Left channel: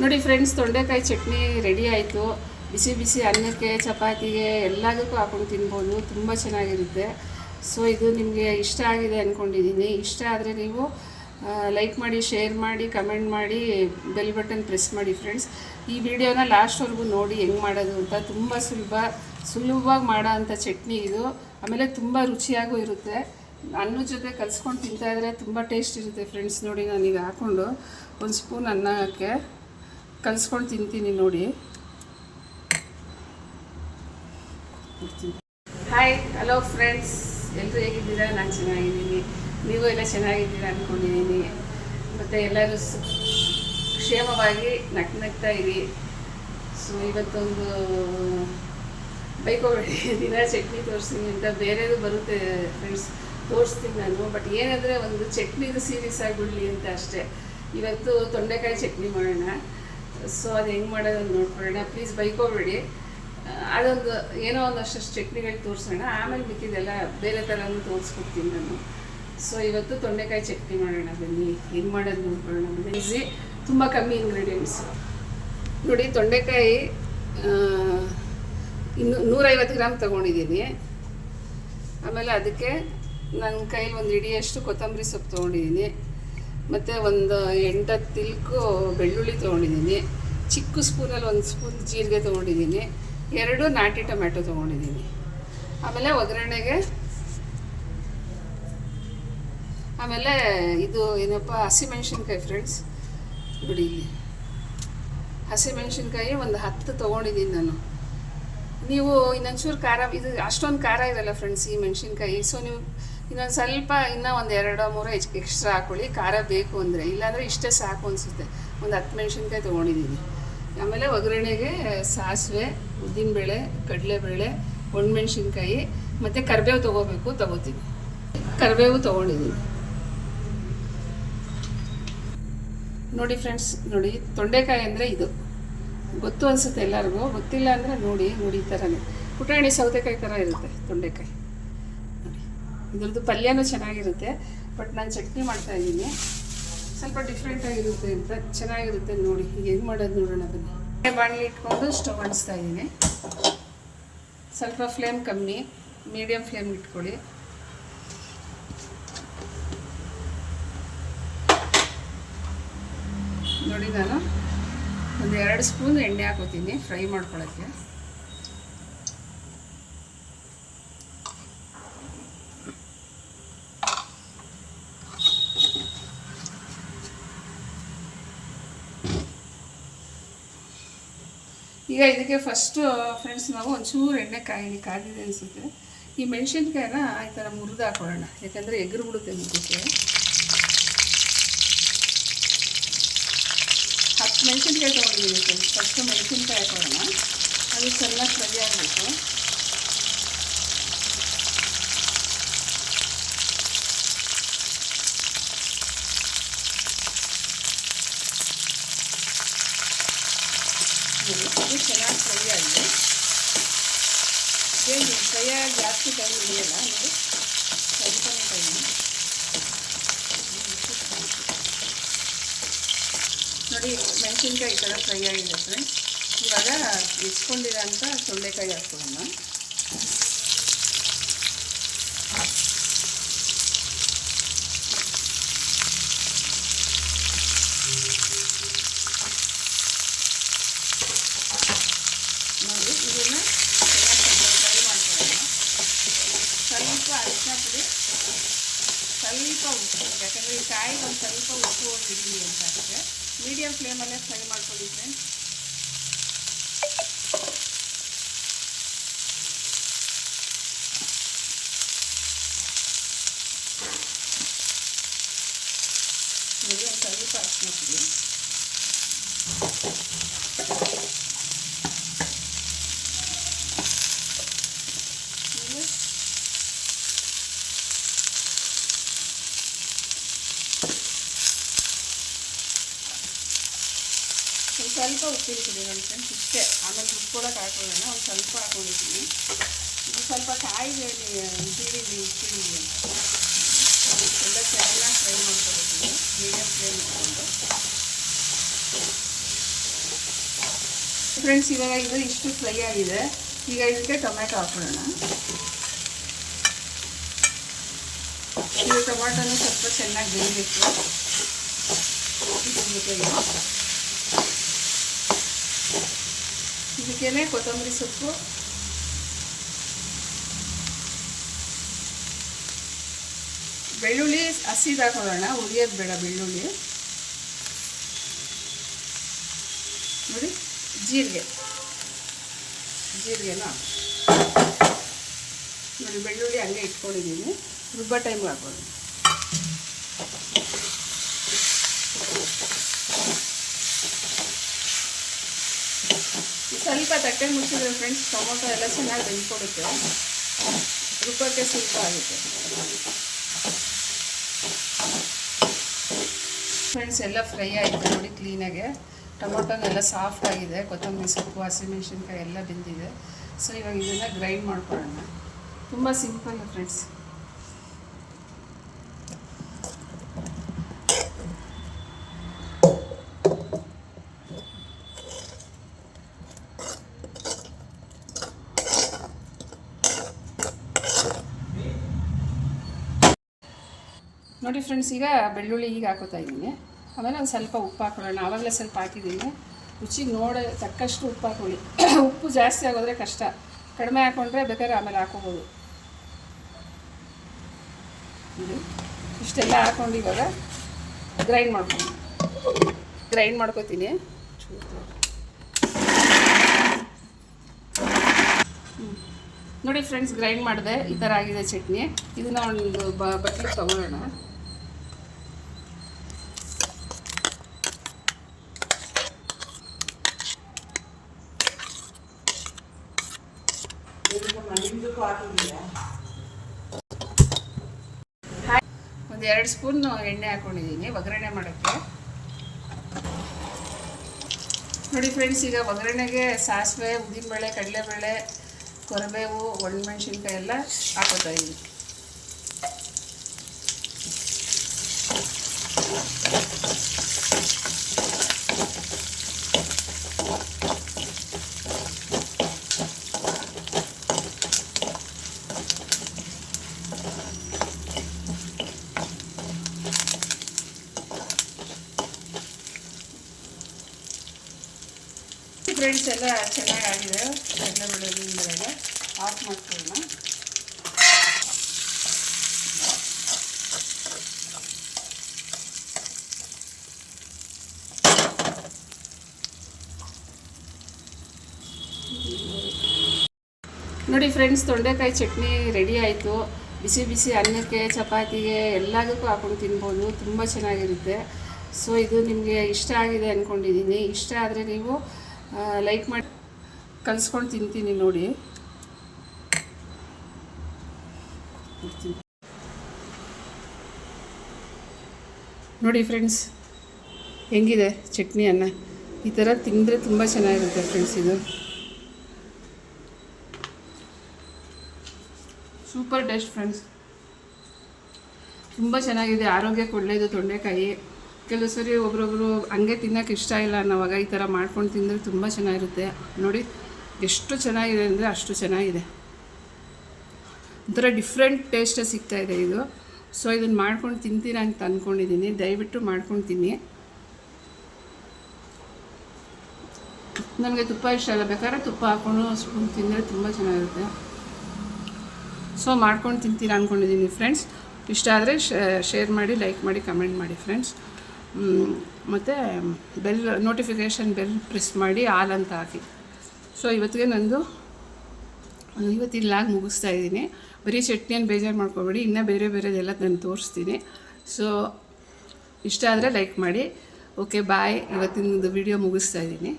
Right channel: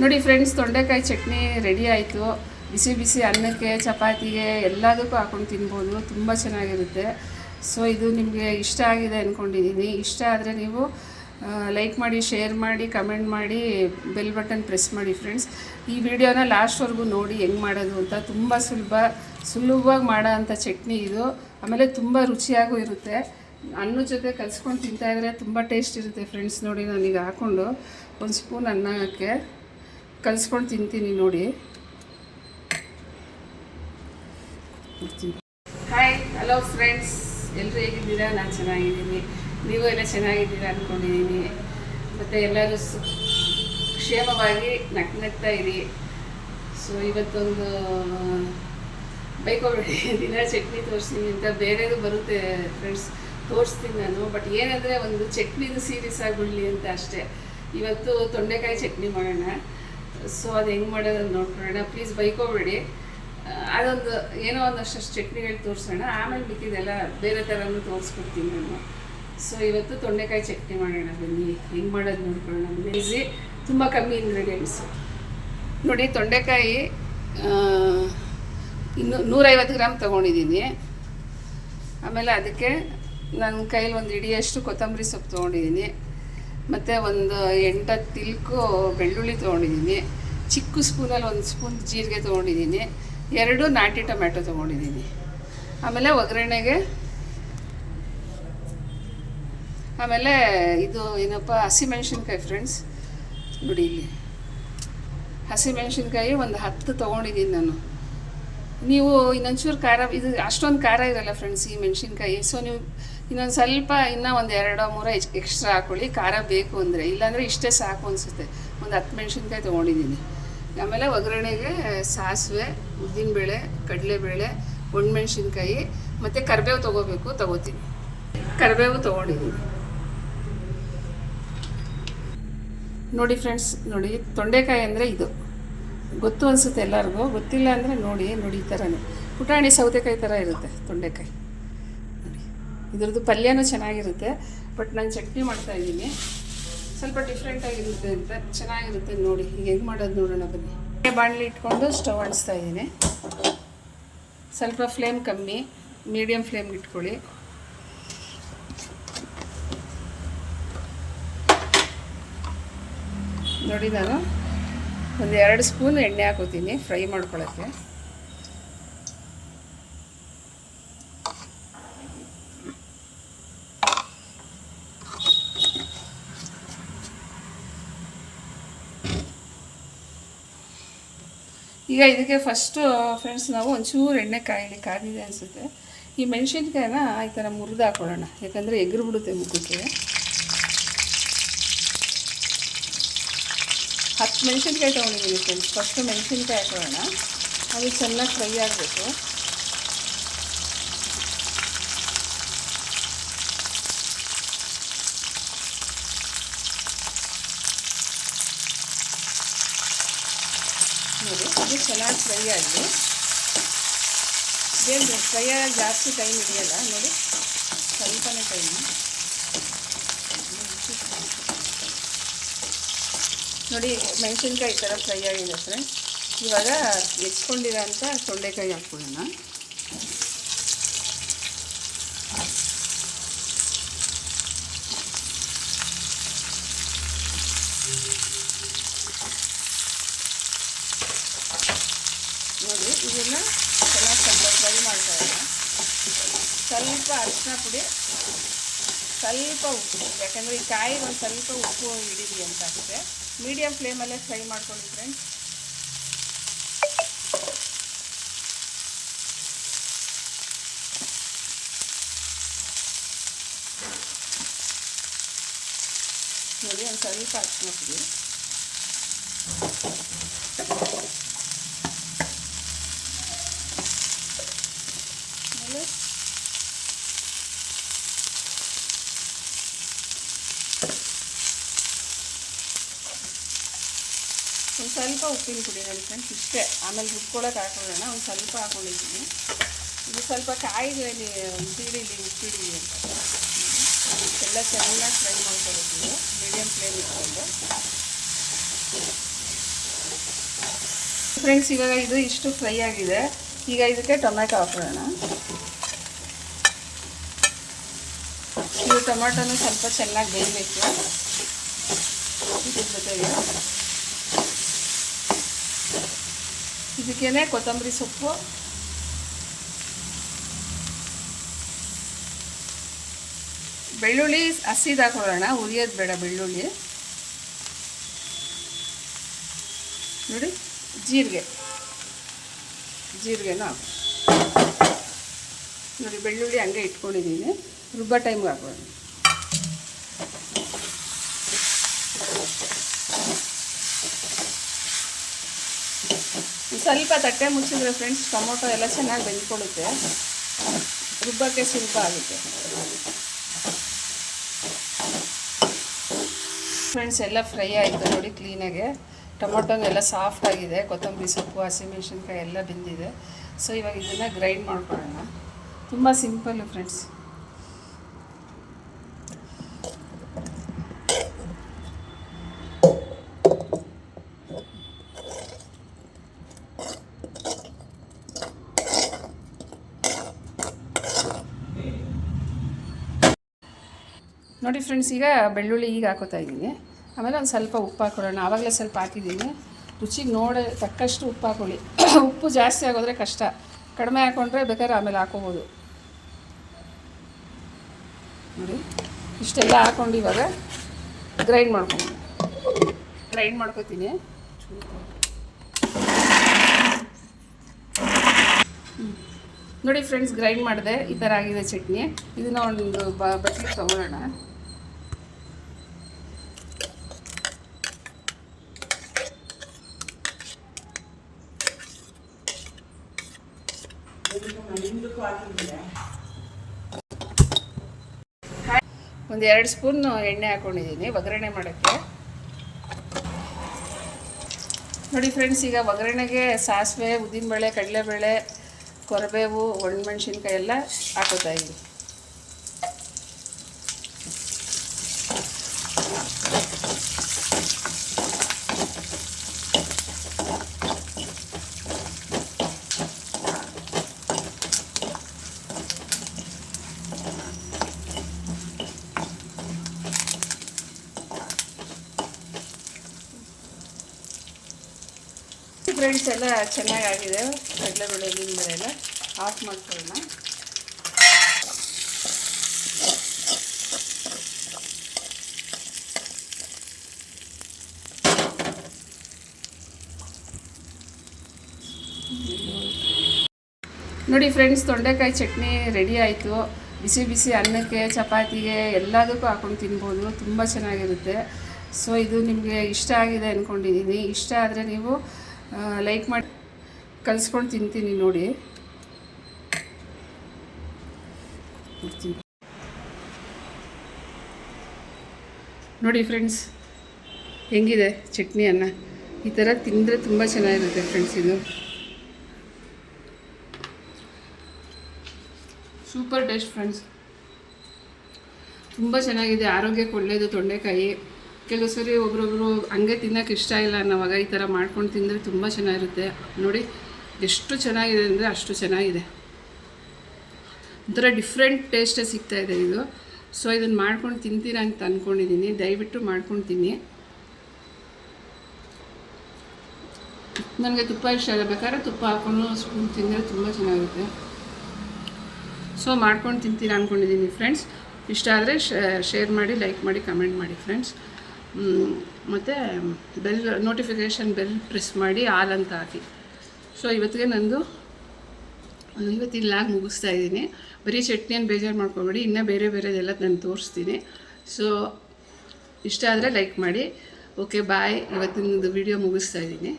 ನೋಡಿ ಫ್ರೆಂಡ್ಸ್, ತೊಂಡೆಕಾಯಿ ಚಟ್ನಿ ರೆಡಿ ಆಯಿತು. ಬಿಸಿ ಬಿಸಿ ಅನ್ನಕ್ಕೆ, ಚಪಾತಿಗೆ ಎಲ್ಲದಕ್ಕೂ ಹಾಕೊಂಡು ತಿನ್ಬೋದು. ತುಂಬ ಚೆನ್ನಾಗಿರುತ್ತೆ. ಸೊ ಇದು ನಿಮಗೆ ಇಷ್ಟ ಆಗಿದೆ ಅಂದ್ಕೊಂಡಿದ್ದೀನಿ. ಇಷ್ಟ ಆದರೆ ನೀವು ಲೈಕ್ ಮಾಡಿ, ಶೇರ್ ಮಾಡಿ, ಕಮೆಂಟ್ ಮಾಡಿ, ಬೆಲ್ ಬಟನ್ ಪ್ರೆಸ್ ಮಾಡಿ ಫ್ರೆಂಡ್ಸ್. ಈ ವಿಡಿಯೋನ ಲಾಸ್ಟ್ವರೆಗೂ ನೋಡಿ ಹೆಂಗೆ ಮಾಡೋದು ಅಂತ. ತುಂಬ ಸುಲಭವಾಗಿ ಮಾಡೋ ಅಂಥ ಚಟ್ನಿ ಇದು. ಆಮೇಲೆ ತುಂಬ ರುಚಿಯಾಗೂ ಇರುತ್ತೆ. ಅನ್ನದ ಜೊತೆ ಕಲಿಸ್ಕೊಂಡು ತಿಂತಾಯಿದ್ರೆ ತುಂಬ ಟೇಸ್ಟ್ ಇರುತ್ತೆ ಫ್ರೆಂಡ್ಸ್. ನೋಡಿ, ನಾನೀಗ ಹಾಕ್ಕೊಂಡು ಒಂದು ಸ್ಪೂನ್ ಅನ್ನಕ್ಕೆ ಕಲಿಸ್ಕೊಂಡು ತಿಂತೀನಿ ನೋಡಿ. ಹಾಯ್, ಹಲೋ ಫ್ರೆಂಡ್ಸ್, ಎಲ್ಲರೂ ಹೇಗಿದ್ದೀರಾ? ನಾನು ಚೆನ್ನಾಗಿದ್ದೀನಿ. ನೀವು ಎಲ್ಲ ಚೆನ್ನಾಗಿದ್ದೀರಾ ಅಂದ್ಕೊಂಡಿದ್ದೀನಿ. ಮತ್ತು ಎಲ್ಲರೂ ಕ್ಷೇಮವಾಗಿ ನಗ್ತಾ ಇರಿ. ಸೊ ಇವತ್ತೊಂದು ಬೈಕೋಬೇಡಿ, ದಿನ ಚಟ್ನಿ ತೋರಿಸ್ತೀನಿ ಅಂತ. ಬೇರೆದು ಬರುತ್ತೆ ಫ್ರೆಂಡ್ಸ್, ತೋರಿಸ್ತೀನಿ ನಾನು. ಬಟ್ ಏನಂದರೆ ಒಂದು ಚಟ್ನಿದು ಸೀರೀಸ್ ಆಗಿಬಿಡಲಿ ಅಂತ ಅಷ್ಟೇ. ಇವತ್ತು ತೊಂಡೆಕಾಯಿ ಚಟ್ನಿ ಮಾಡೋಣ. ಸೊ ಅದು ಹೆಂಗೆ ಮಾಡೋದನ್ನು ನೋಡ್ಕೊಳ್ಳೋಣ. ಪ್ಲೀಸ್ ಬೈಕೋಬೇಡಿ. ಅದೊಂದು ಏನೋ ಒಂದಷ್ಟು ಚಟ್ನಿಗಳು ತೋರಿಸೋಣ. ಆಮೇಲೆ ಮಿಕ್ಕಿದೆಲ್ಲ ಬೇರೆ ಥರನೂ ತೋರಿಸ್ಕೊಡ್ತೀನಿ ನಾನು. ಸೊ ಇವತ್ತು ತೊಂಡೆಕಾಯಿ ಚಟ್ನಿ ಮಾಡೋಣ, ಬನ್ನಿ. ಹೆಂಗೆ ಮಾಡೋದು ನೋಡ್ಕೊಳ್ಳೋಣ. ಈಸಿ, ತುಂಬ ಕಮ್ಮಿ ಇಂಗ್ರೀಡಿಯೆಂಟ್ಸು. ನೋಡಿ, ತೊಂಡೆಕಾಯಿ 150 ಗ್ರಾಮ್ ತೊಗೊಂಡಿದ್ದೀನಿ. ಆಮೇಲೆ ಅದಕ್ಕೆ ನನ್ನ ಕೈಲಿ ಒಂದು ಹಿಡಿಯಷ್ಟು ಕೊತ್ತಂಬರಿ ಸೊಪ್ಪು ತೊಗೊಂಡಿದ್ದೀನಿ. ಮತ್ತು ಒಂದು 8-10 ತಿಲ್ಕು ಬೆಳ್ಳುಳ್ಳಿ ತೊಗೊಂಡಿದ್ದೀನಿ. ಚಿಕ್ಕ ಸ್ಪೂನಲ್ಲಿ 1 ಸ್ಪೂನ್ ಜೀರಿಗೆ ತೊಗೊಂಡಿದ್ದೀನಿ. 2 ನಾಟಿ ಟೊಮ್ಯಾಟೊ ತೊಗೊಂಡಿದ್ದೀನಿ. ಆಮೇಲೆ ಒಗ್ಗರಣೆಗೆ ಆಮೇಲೆ ಇದು ಏನಪ್ಪ, ಹಸಿಮೆಣ್ಸಿನ್ಕಾಯಿ ಫ್ರೆಂಡ್ಸ್. ನೋಡಿ, ಇಲ್ಲಿ ಹಸಿಮೆಣ್ಸಿನ್ಕಾಯಿ ಒಂದು 10 ತೊಗೊಂಡಿದ್ದೀನಿ ನಾನು. ನೀವು ಇನ್ನೊಂಚೂರು ಖಾರ, ಇದು ಅಷ್ಟೊಂದು ಖಾರ ಇರಲ್ಲ ಫ್ರೆಂಡ್ಸ್ ಈ ಮೆಣಸಿನ್ಕಾಯಿ. ಸೊ ನೀವು ಇನ್ನೊಂದು ಸ್ವಲ್ಪ, ಇನ್ನೂ ಒಂದು 2-3 ಎಕ್ಸ್ಟ್ರಾ ಹಾಕ್ಕೊಳ್ಳಿ ಖಾರ ಬೇಕು ಅಂದರೆ. ಇಲ್ಲಾಂದರೆ ಇಷ್ಟೇ ಸಾಕು ಅನಿಸುತ್ತೆ. ಒಂದು 10 ಮೆಣಸಿನ್ಕಾಯಿ ತೊಗೊಂಡಿದ್ದೀನಿ. ಆಮೇಲೆ ಒಗ್ಗರಣೆಗೆ ಸಾಸಿವೆ, ಉದ್ದಿನಬೇಳೆ, ಕಡಲೆಬೇಳೆ, ಒಣಮೆಣ್ಸಿನ್ಕಾಯಿ ಮತ್ತು ಕರಿಬೇವು ತೊಗೋತೀನಿ. ಕರಿಬೇವು ತೊಗೊಂಡಿದ್ದೀನಿ. ನೋಡಿ ಫ್ರೆಂಡ್ಸ್, ನೋಡಿ, ತೊಂಡೆಕಾಯಿ ಅಂದರೆ ಇದು ಗೊತ್ತು ಅನಿಸುತ್ತೆ ಎಲ್ಲರಿಗೂ. ಗೊತ್ತಿಲ್ಲ ಅಂದರೆ ನೋಡಿ ಈ ಥರನೇ ಪುಟಾಣಿ ಸೌತೆಕಾಯಿ ಥರ ಇರುತ್ತೆ ತೊಂಡೆಕಾಯಿ. ನೋಡಿ, ಇದ್ರದ್ದು ಪಲ್ಯನೂ ಚೆನ್ನಾಗಿರುತ್ತೆ. ಬಟ್ ನಾನು ಚಟ್ನಿ ಮಾಡ್ತಾಯಿದ್ದೀನಿ, ಸ್ವಲ್ಪ ಡಿಫ್ರೆಂಟಾಗಿರುತ್ತೆ ಅಂತ. ಚೆನ್ನಾಗಿರುತ್ತೆ ನೋಡಿ. ಈಗ ಹೆಂಗೆ ಮಾಡೋದು ನೋಡೋಣ ಬನ್ನಿ. ಬಾಣಲಿ ಇಟ್ಕೊಂಡು ಸ್ಟವ್ ಅಂಟಿಸ್ತಾ ಇದ್ದೀನಿ. ಸ್ವಲ್ಪ ಫ್ಲೇಮ್ ಕಮ್ಮಿ, ಮೀಡಿಯಮ್ ಫ್ಲೇಮ್ ಇಟ್ಕೊಳ್ಳಿ. ನೋಡಿ, ನಾನು ಒಂದು 2 ಸ್ಪೂನ್ ಎಣ್ಣೆ ಹಾಕೋತೀನಿ ಫ್ರೈ ಮಾಡ್ಕೊಳ್ಳೋಕ್ಕೆ. ಈಗ ಇದಕ್ಕೆ ಫಸ್ಟು ಫ್ರೆಂಡ್ಸ್ ನಾವು ಒಂಚೂರು ಎಣ್ಣೆ ಕಾದಿದೆ ಅನಿಸುತ್ತೆ. ಈ ಮೆಣಸಿನ್ಕಾಯಿನ ಈ ಥರ ಮುರಿದು ಹಾಕೊಳ್ಳೋಣ, ಯಾಕಂದರೆ ಎಗ್ರು ಬಿಡುತ್ತೆ ಮುಖಕ್ಕೆ. 10 ಮೆಣಸಿನ್ಕಾಯಿ ತೊಗೊಂಡಿದ್ದೀನಿ ಫ್ರೆಂಡ್ಸ್. ಫಸ್ಟು ಮೆಣಸಿನ್ಕಾಯಿ ಹಾಕೊಳ್ಳೋಣ. ಅದು ಚೆನ್ನಾಗಿ ಫ್ರೈ ಆಗಬೇಕು. ನೋಡಿ, ಅದು ಚೆನ್ನಾಗಿ ಫ್ರೈ ಆಗಿದೆ. ಏನು ಫ್ರೈ ಆಗೋದು ಜಾಸ್ತಿ ಟೈಮ್ ಹಿಡಿಯಲ್ಲ. ನೋಡಿ, ಸ್ವಲ್ಪನೇ ಟೈಮು. ನೋಡಿ, ಮೆಣಸಿನ್ಕಾಯಿ ಈ ಥರ ಫ್ರೈ ಆಗಿದೆ ಫ್ರೆಂಡ್ಸ್. ಇವಾಗ ಹೆಚ್ಕೊಂಡಿರೋ ಅಂಥ ತೊಂಡೆಕಾಯಿ ಹಾಕ್ಕೊಳ್ಳೋಣ. ನೋಡಿ, ಇದನ್ನು ಚೆನ್ನಾಗಿ ಫ್ರೈ ಮಾಡ್ತಾ ಇರೋಣ. ಸ್ವಲ್ಪ ಅರಿಶಿನ ಪುಡಿ, ಸ್ವಲ್ಪ ಉಪ್ಪು, ಯಾಕಂದರೆ ಈ ಕಾಯಿಗೆ ಒಂದು ಸ್ವಲ್ಪ ಉಪ್ಪು ಹಿಡೀಲಿ ಅಂತ ಅಷ್ಟೇ. ಮೀಡಿಯಮ್ ಫ್ಲೇಮಲ್ಲೇ ಫ್ರೈ ಮಾಡ್ಕೊಳ್ಳಿ ಫ್ರೆಂಡ್ಸ್. ನೋಡಿ, ಒಂದು ಸ್ವಲ್ಪ ಅರಿಶಿನ ಪುಡಿ, ಆಮೇಲೆ ಒಂದು ಸ್ವಲ್ಪ ಉಪ್ಪಿನ ಪುಡಿ ನೋಡಿ ಫ್ರೆಂಡ್ಸ್, ಇಷ್ಟೇ. ಆಮೇಲೆ ರುಬ್ಕೊಳ್ಳೋಕೆ ಹಾಕೊಳ್ಳೋಣ. ಒಂದು ಸ್ವಲ್ಪ ಹಾಕೊಂಡಿದ್ದೀನಿ. ಇದು ಸ್ವಲ್ಪ ಕಾಯಿಗಳಲ್ಲಿ ಸಿಡಿಲಿ ಅಂತ ಎಲ್ಲ ಚೆನ್ನಾಗಿ ಫ್ರೈ ಮಾಡ್ಕೊಳ್ತೀವಿ ಮೀಡಿಯಮ್ ಫ್ಲೇಮ್ ಇಟ್ಕೊಂಡು. ಫ್ರೆಂಡ್ಸ್, ಇವಾಗ ಇದು ಇಷ್ಟು ಫ್ರೈ ಆಗಿದೆ. ಈಗ ಇದಕ್ಕೆ ಟೊಮೆಟೊ ಹಾಕೊಳ್ಳೋಣ. ಇದು ಟೊಮೆಟೊನೂ ಸ್ವಲ್ಪ ಚೆನ್ನಾಗಿ ಬೇಯಬೇಕು. ಇದಕ್ಕೇನೆ ಕೊತ್ತಂಬರಿ ಸೊಪ್ಪು, ಬೆಳ್ಳುಳ್ಳಿ ಹಸಿದು ಹಾಕೊಳ್ಳೋಣ, ಉರಿಯೋದು ಬೇಡ ಬೆಳ್ಳುಳ್ಳಿ. ನೋಡಿ, ಜೀರಿಗೆನ ನೋಡಿ, ಬೆಳ್ಳುಳ್ಳಿ ಹಂಗೆ ಇಟ್ಕೊಂಡಿದ್ದೀನಿ. ರುಬ್ಬೋ ಟೈಮ್ಗೆ ಹಾಕೋದು. ಸ್ವಲ್ಪ ತಟ್ಟೆ ಮುಚ್ಚಿದ್ರೆ ಫ್ರೆಂಡ್ಸ್ ಟೊಮೊಟೊ ಎಲ್ಲ ಚೆನ್ನಾಗಿ ಬೆಂದ್ಕೊಳ್ಳುತ್ತೆ, ರುಬ್ಬಕ್ಕೆ ಸುಲಭ ಆಗುತ್ತೆ. ಫ್ರೆಂಡ್ಸ್, ಎಲ್ಲ ಫ್ರೈ ಆಯಿತು ನೋಡಿ ಕ್ಲೀನಾಗೆ. ಟೊಮೊಟೊನೆಲ್ಲ ಸಾಫ್ಟ್ ಆಗಿದೆ, ಕೊತ್ತಂಬರಿ ಸೊಪ್ಪು, ಹಸಿಮೆಣಸಿನ್ಕಾಯಿ ಎಲ್ಲ ಬೆಂದಿದೆ. ಸೊ ಇವಾಗ ಇದನ್ನು ಗ್ರೈಂಡ್ ಮಾಡ್ಕೊಳ್ಳೋಣ. ತುಂಬ ಸಿಂಪಲ್ ಫ್ರೆಂಡ್ಸ್. ನೋಡಿ ಫ್ರೆಂಡ್ಸ್, ಈಗ ಬೆಳ್ಳುಳ್ಳಿ ಈಗ ಹಾಕೋತಾ ಇದ್ದೀನಿ. ಆಮೇಲೆ ಒಂದು ಸ್ವಲ್ಪ ಉಪ್ಪು ಹಾಕೊಳ್ಳೋಣ. ಆವಾಗಲೇ ಸ್ವಲ್ಪ ಹಾಕಿದ್ದೀನಿ. ರುಚಿಗೆ ತಕ್ಕಷ್ಟು ಉಪ್ಪು ಹಾಕೊಳ್ಳಿ. ಉಪ್ಪು ಜಾಸ್ತಿ ಆಗೋದ್ರೆ ಕಷ್ಟ, ಕಡಿಮೆ ಹಾಕ್ಕೊಂಡ್ರೆ ಬೇಕಾದ್ರೆ ಆಮೇಲೆ ಹಾಕೋಬೋದು. ನೋಡಿ, ಇಷ್ಟೆಲ್ಲ ಹಾಕ್ಕೊಂಡು ಇವಾಗ ಗ್ರೈಂಡ್ ಮಾಡ್ಕೊತೀನಿ. ನೋಡಿ ಫ್ರೆಂಡ್ಸ್, ಗ್ರೈಂಡ್ ಮಾಡಿದೆ. ಈ ಥರ ಆಗಿದೆ ಚಟ್ನಿ. ಇದನ್ನು ಒಂದು ಬಟ್ಲಿಗೆ ತೊಗೊಳ್ಳೋಣ. ಒಂದು 2 ಸ್ಪೂನ್ ಎಣ್ಣೆ ಹಾಕ್ಕೊಂಡಿದ್ದೀನಿ ಒಗ್ಗರಣೆ ಮಾಡೋಕ್ಕೆ. ನೋಡಿ ಫ್ರೆಂಡ್ಸ್, ಈಗ ಒಗ್ಗರಣೆಗೆ ಸಾಸಿವೆ, ಉದ್ದಿನಬೇಳೆ, ಕಡಲೆಬೇಳೆ, ಕೊರಬೇವು, ಒಣಮೆಣಸಿನ್ಕಾಯಿ ಎಲ್ಲ ಹಾಕೋತಾ ಇದ್ದೀನಿ. ಫ್ರೆಂಡ್ಸ್, ಎಲ್ಲ ಚೆನ್ನಾಗಾಗಿದೆ. ಕಡಲೆಬೇಳೆ ಎಲ್ಲ ಆಫ್ ಮಾಡ್ಕೊಳ್ಳೋಣ. ನೋಡಿ ಫ್ರೆಂಡ್ಸ್, ತೊಂಡೆಕಾಯಿ ಚಟ್ನಿ ರೆಡಿ ಆಯಿತು. ಬಿಸಿ ಬಿಸಿ ಅನ್ನಕ್ಕೆ, ಚಪಾತಿಗೆ ಎಲ್ಲದಕ್ಕೂ ಹಾಕೊಂಡು ತಿನ್ಬೋದು. ತುಂಬ ಚೆನ್ನಾಗಿರುತ್ತೆ. ಸೊ ಇದು ನಿಮಗೆ ಇಷ್ಟ ಆಗಿದೆ ಅಂದ್ಕೊಂಡಿದ್ದೀನಿ. ಇಷ್ಟ ಆದರೆ ನೀವು ಲೈಕ್ ಮಾಡಿ ಕಲಿಸ್ಕೊಂಡು ತಿಂತೀನಿ ನೋಡಿ. ನೋಡಿ ಫ್ರೆಂಡ್ಸ್, ಹೆಂಗಿದೆ ಚಟ್ನಿ ಅನ್ನ. ಈ ಥರ ತಿಂದರೆ ತುಂಬ ಚೆನ್ನಾಗಿರುತ್ತೆ ಫ್ರೆಂಡ್ಸ್. ಇದು ಸೂಪರ್ ಟೇಸ್ಟ್ ಫ್ರೆಂಡ್ಸ್. ತುಂಬ ಚೆನ್ನಾಗಿದೆ, ಆರೋಗ್ಯಕ್ಕೆ ಒಳ್ಳೆಯದು ತೊಂಡೆಕಾಯಿ. ಕೆಲವು ಸರಿ ಒಬ್ರೊಬ್ರು ಹಂಗೆ ತಿನ್ನೋಕೆ ಇಷ್ಟ ಇಲ್ಲ ಅನ್ನೋವಾಗ ಈ ಥರ ಮಾಡ್ಕೊಂಡು ತಿಂದರೆ ತುಂಬ ಚೆನ್ನಾಗಿರುತ್ತೆ. ನೋಡಿ ಎಷ್ಟು ಚೆನ್ನಾಗಿದೆ ಅಂದರೆ ಅಷ್ಟು ಚೆನ್ನಾಗಿದೆ. ಒಂಥರ ಡಿಫ್ರೆಂಟ್ ಟೇಸ್ಟೇ ಸಿಗ್ತಾಯಿದೆ ಇದು. ಸೊ ಇದನ್ನು ಮಾಡ್ಕೊಂಡು ತಿಂತೀರಾ ಅಂತ ಅಂದ್ಕೊಂಡಿದ್ದೀನಿ. ದಯವಿಟ್ಟು ಮಾಡ್ಕೊಂಡು ತಿನ್ನಿ. ನನಗೆ ತುಪ್ಪ ಇಷ್ಟ ಇಲ್ಲ, ಬೇಕಾದ್ರೆ ತುಪ್ಪ ಹಾಕ್ಕೊಂಡು ಸ್ಪೂನ್ ತಿಂದರೆ ತುಂಬ ಚೆನ್ನಾಗಿರುತ್ತೆ. ಸೊ ಮಾಡ್ಕೊಂಡು ತಿಂತೀರಾ ಅಂದ್ಕೊಂಡಿದ್ದೀನಿ ಫ್ರೆಂಡ್ಸ್. ಇಷ್ಟ ಆದರೆ ಶೇರ್ ಮಾಡಿ, ಲೈಕ್ ಮಾಡಿ, ಕಮೆಂಟ್ ಮಾಡಿ ಫ್ರೆಂಡ್ಸ್. ಮತ್ತು ನೋಟಿಫಿಕೇಷನ್ ಬೆಲ್ ಪ್ರೆಸ್ ಮಾಡಿ ಆಲ್ ಅಂತ ಹಾಕಿ. ಸೊ ಇವತ್ತಿಗೆ ಇವತ್ತಿನ ಲಾಗ್ ಮುಗಿಸ್ತಾ ಇದ್ದೀನಿ. ಬರೀ ಚಟ್ನಿಯನ್ನು ಬೇಜಾರು ಮಾಡ್ಕೊಬೇಡಿ, ಇನ್ನೂ ಬೇರೆ ಬೇರೆದೆಲ್ಲ ನಾನು ತೋರಿಸ್ತೀನಿ. ಸೊ ಇಷ್ಟ ಆದರೆ ಲೈಕ್ ಮಾಡಿ. Okay bye. ಇವತ್ತಿನ ವಿಡಿಯೋ ಮುಗಿಸ್ತಾ ಇದ್ದೀನಿ.